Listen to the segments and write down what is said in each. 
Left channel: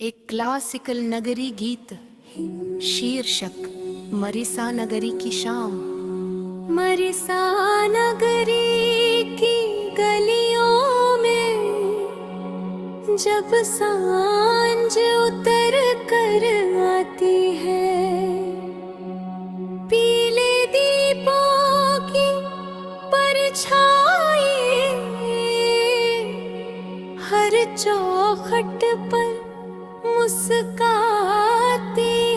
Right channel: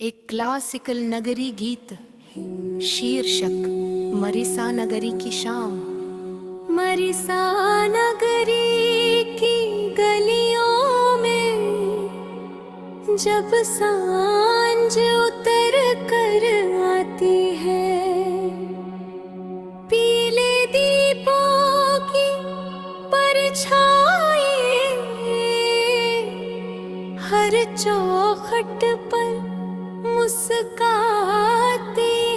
एक क्लासिकल नगरी गीत शीर्षक मरीसा नगरी की शाम। मरीसा नगरी की गलियों में जब सांझ उतर कर आती है, पीले दीपों की परछाई हर चौखट पर मुस्काती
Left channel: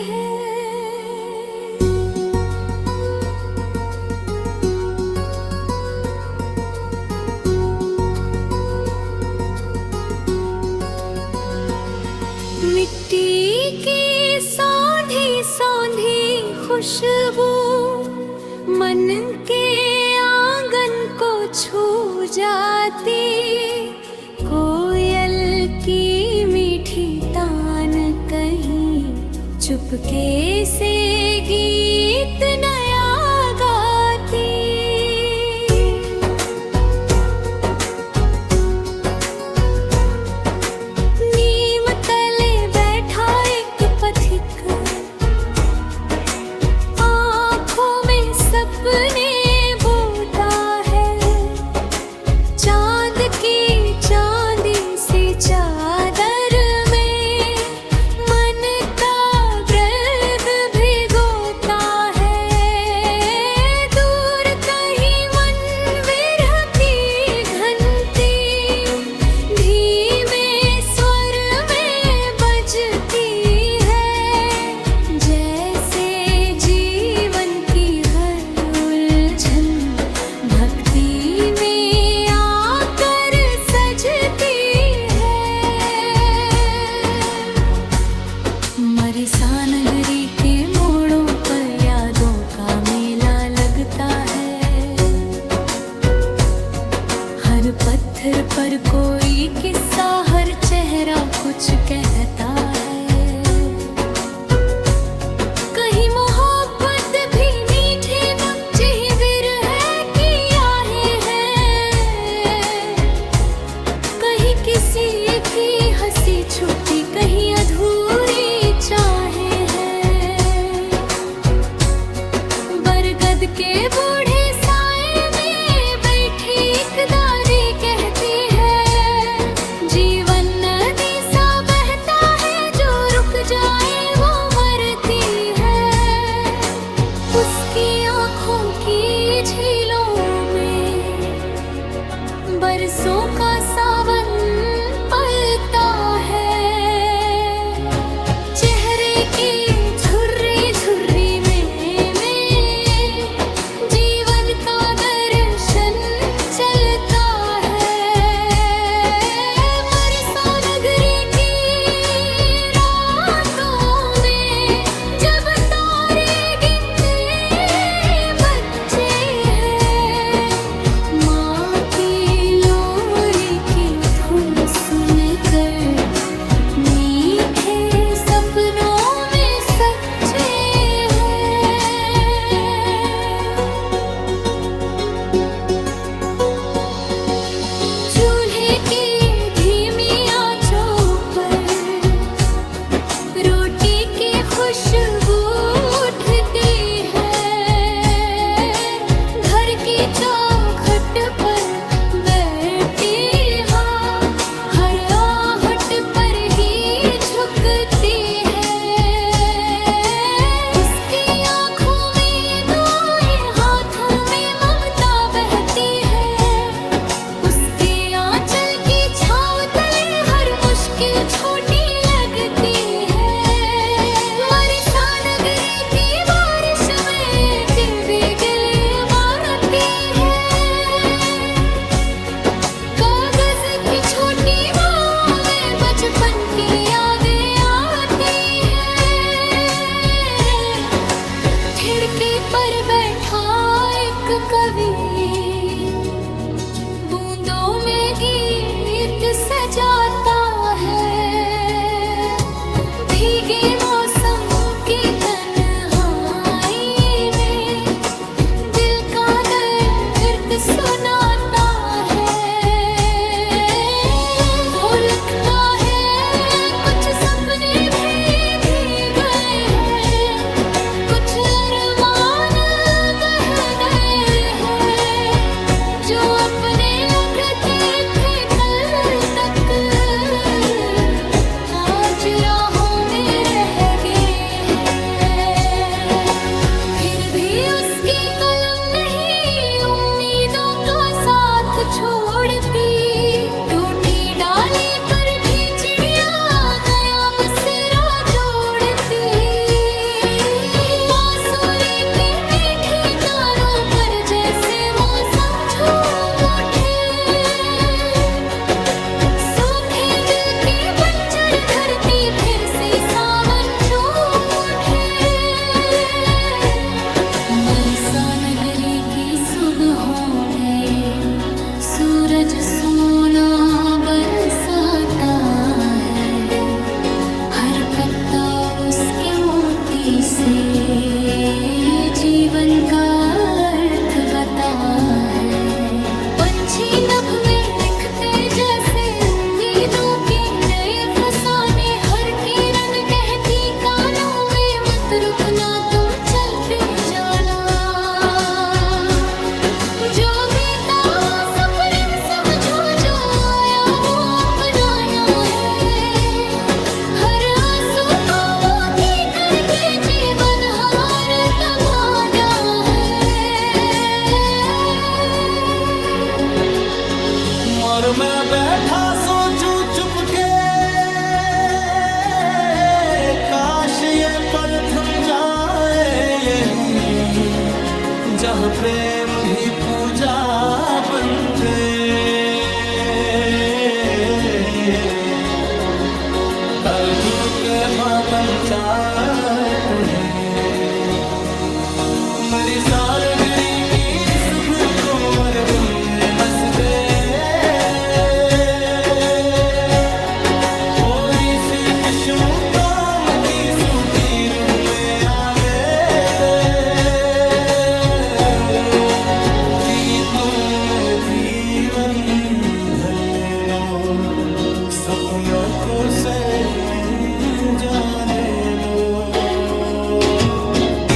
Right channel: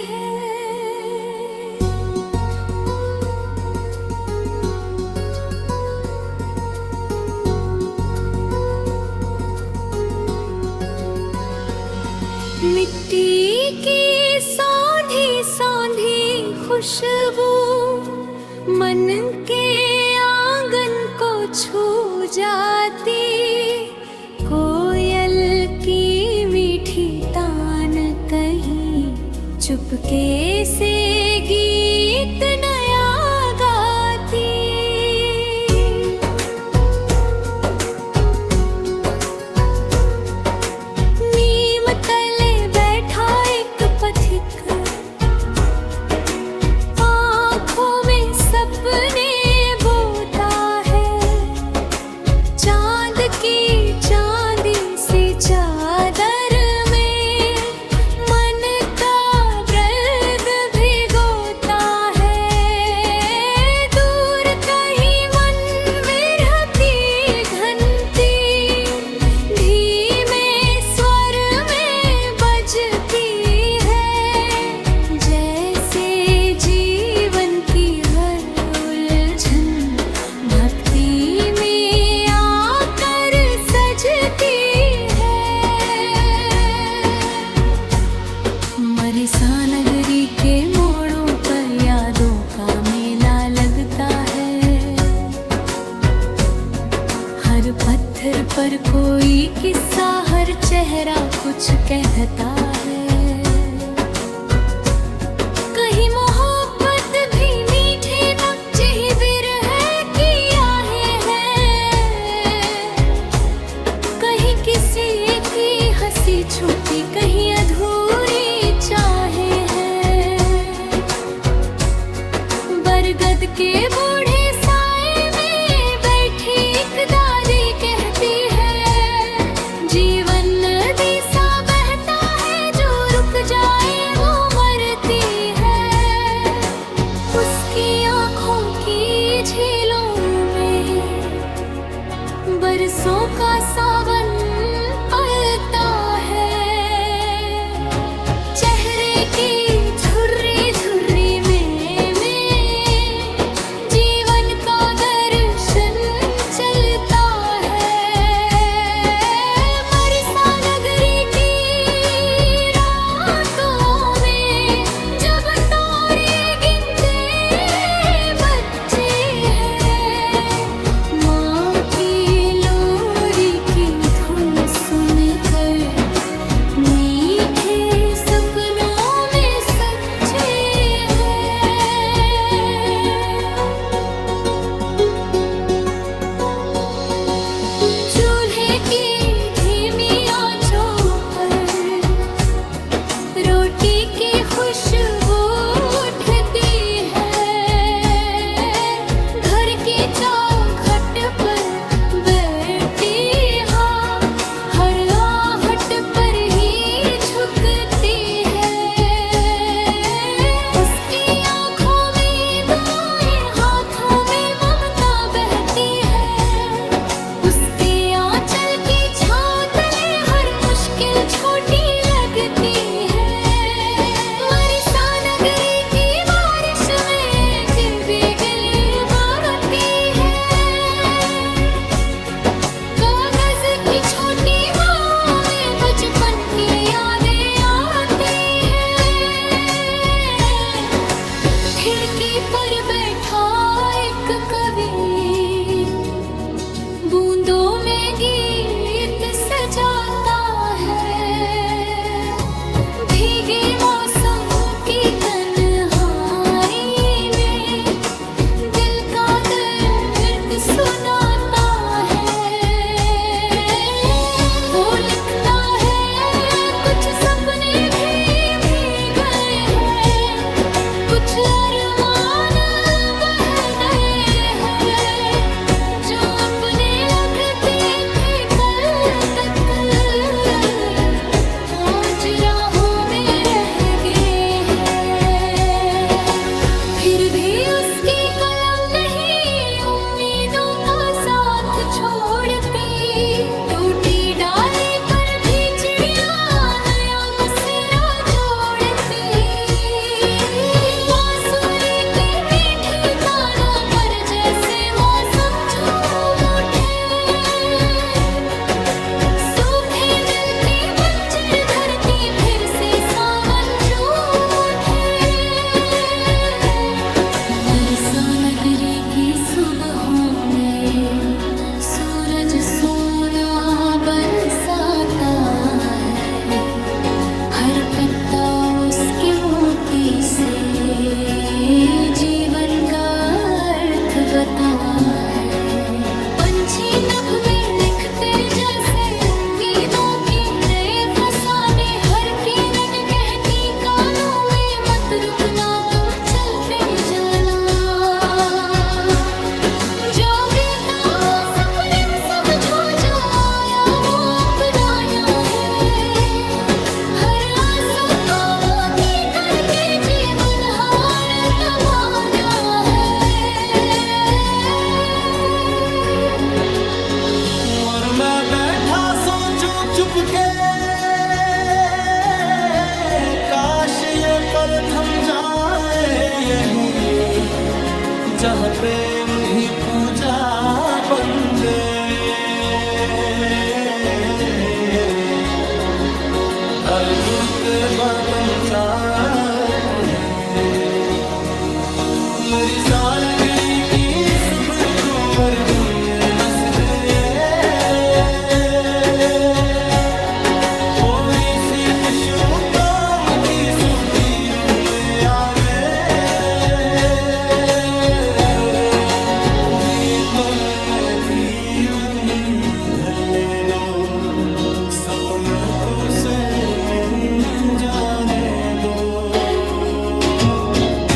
है। मिट्टी की सौंधी सौंधी खुशबू मन के आंगन को छू जाती, कोयल की मीठी तान कहीं चुपके से गीत नया गाती। नीम तले बैठा एक पथिक, आँखों में सपने बोता है, चांद की चांदी सी चादर में मन का दर्द भिगोता है। दूर कहीं मन विरह की घंटी धीमे स्वर में बजती है, जैसे जीवन की हर उलझन भक्ति में आकर सजती है। मरीसा नगरी के मोड़ों पर यादों का मेला लगता है, हर पत्थर पर कोई किस्सा, हर चेहरा कुछ कहता है। कहीं मोहब्बत भी मीठे नक्शे विरह की आहें हैं, कहीं किसी की हंसी छुपी, कहीं अधूरी चाहें हैं। बरगद के बूढ़े साए में बैठी एक दादी कहती है, जीवन नदी सा बहता है, जो रुक जाए वो मरती है। उसकी आँखों की झीलों में बरसों का सावन पलता है, चेहरे की झुर्री झुर्री में जीवन का दर्शन चलता है। मरीसा नगरी की रातों में जब तारे गिनते बच्चे हैं, माँ की लोरी की धुन सुनकर मीठे सपनों में सच्चे हैं। चूल्हे की धीमी आंचों पर रोटी की खुशबू उठती है, घर की चौखट पर बैठी हाँ हर आहट पर ही झुकती है। उसकी आँखों में दुआएं, हाथों में ममता बहती है, उसके आंचल की छाँव तले हर मुश्किल छोटी लगती है। मरीसा नगरी की बारिश में गिली गिली उबालती है, कागज की छोटी नाव में बचपन की यादें आती हैं। खिड़की पर बैठा एक कवि बूंदों में गीत सजाता है, भीगे मौसम की तन्हाई में दिल का दर्द सुनाता है। वो लिखता है कुछ सपने से सावन झूम उठे। बरसा नगरी की सुबहों में सूरज सोना बरसाता है। हर पत्ता उसके मोती से जीवन का अर्थ बता है। पंछी नभ में लिखते जैसे उम्मीदों के नए फसाने। हर किरण कहती कानों में मत रुकना तुम चलते जाना। जो बीता वो सफर समझो, जो आया वो अपनाया है। हर आंसू को मोती करके जीवन हार कमाना है। और मैं बैठा सोचूं चुपके, काश ये पल थम जाए यहीं, जहाँ प्रेम ही पूजा बन गए। हर धुर के बातम चाहते हैं। मरी सा नगरी की सुबह को मर गुल्ले मस्ते थे। कोरी सी किस्मों काम की सूखी रुग में आ गए थे। जीतों में जीवन ढले दो, सपनों को से मिल जाने दो।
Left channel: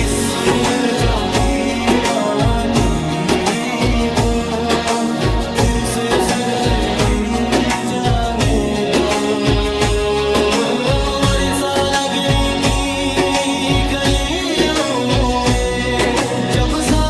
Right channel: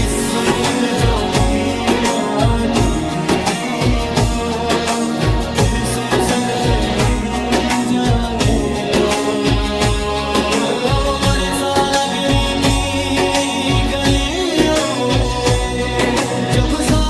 इस सुंदर ज्योति माटी को फिर से सहते मिल जाने दो। मरीसा नगरी की गलियों में जब सा